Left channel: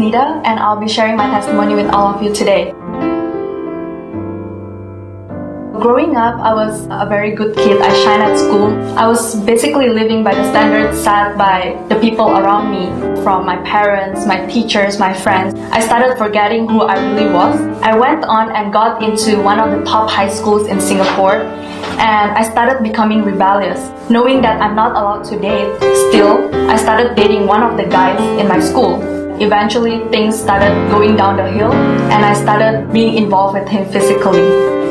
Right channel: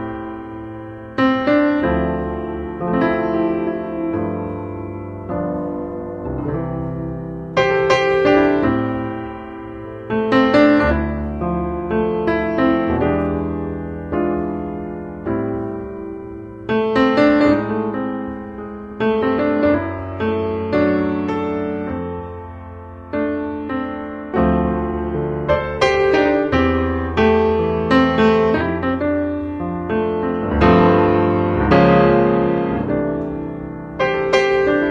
Nita, and I'll be sharing my testimony with all of you today. Growing up, I was a very good kid. I shined at school. I was basically living by the standards set by the people around me, from my parents, my teachers, my friends. I started forgetting who I really was. I went on and got into one of the top high schools in Singapore, and I started becoming rebellious. Knowing that I'm not allowed to date still, I started dating one of the guys in my school. Eventually, things started going down the hill, and I started being involved with him physically.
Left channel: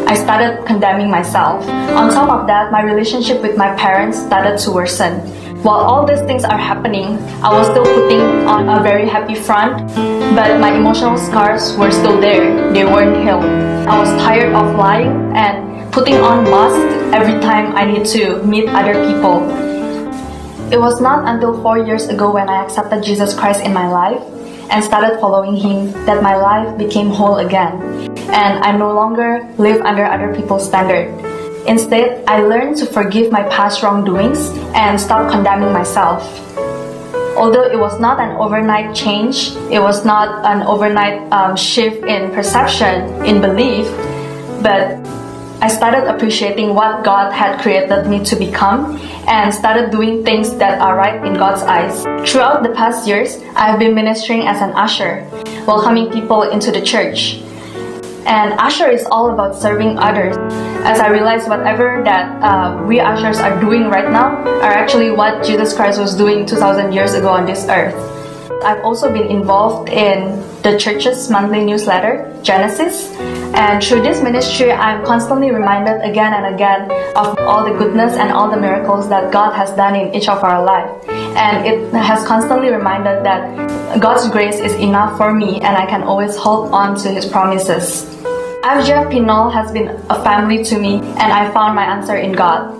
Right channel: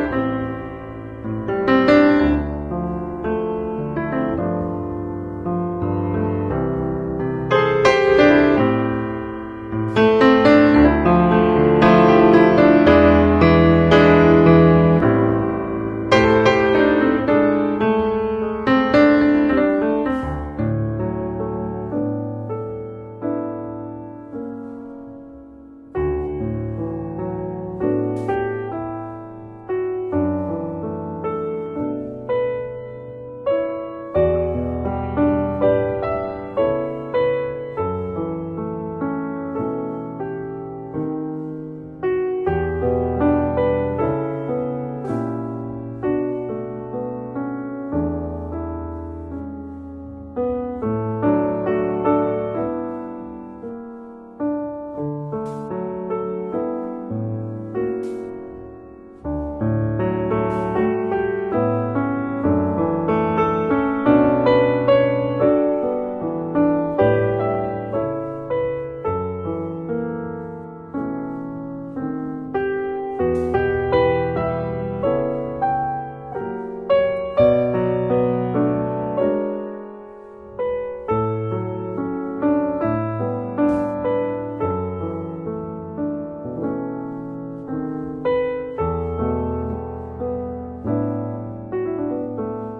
I started condemning myself. On top of that, my relationship with my parents started to worsen. While all these things are happening, I was still putting on a very happy front, but my emotional scars were still there. They weren't healed. I was tired of lying and putting on masks every time I need to meet other people. It was not until 4 years ago when I accepted Jesus Christ in my life and started following Him that my life became whole again, and I no longer live under other people's standard. Instead, I learned to forgive my past wrongdoings and stop condemning myself. Although it was not an overnight change, it was not an overnight shift in perception, in belief, but I started appreciating what God had created me to become and started doing things that are right in God's eyes. Throughout the past years, I've been ministering as an usher, welcoming people into the church. And usher is all about serving others. As I realized whatever that we ushers are doing right now are actually what Jesus Christ was doing 2,000 years ago on this earth. I've also been involved in the church's monthly newsletter, Genesis, and through this ministry, I'm constantly reminded again and again of all the goodness and all the miracles that God has done in each of our lives. And it has constantly reminded that God's grace is enough for me and I can always hold on to His promises. IFGF Pinole has been a family to me, and I found my answer in God.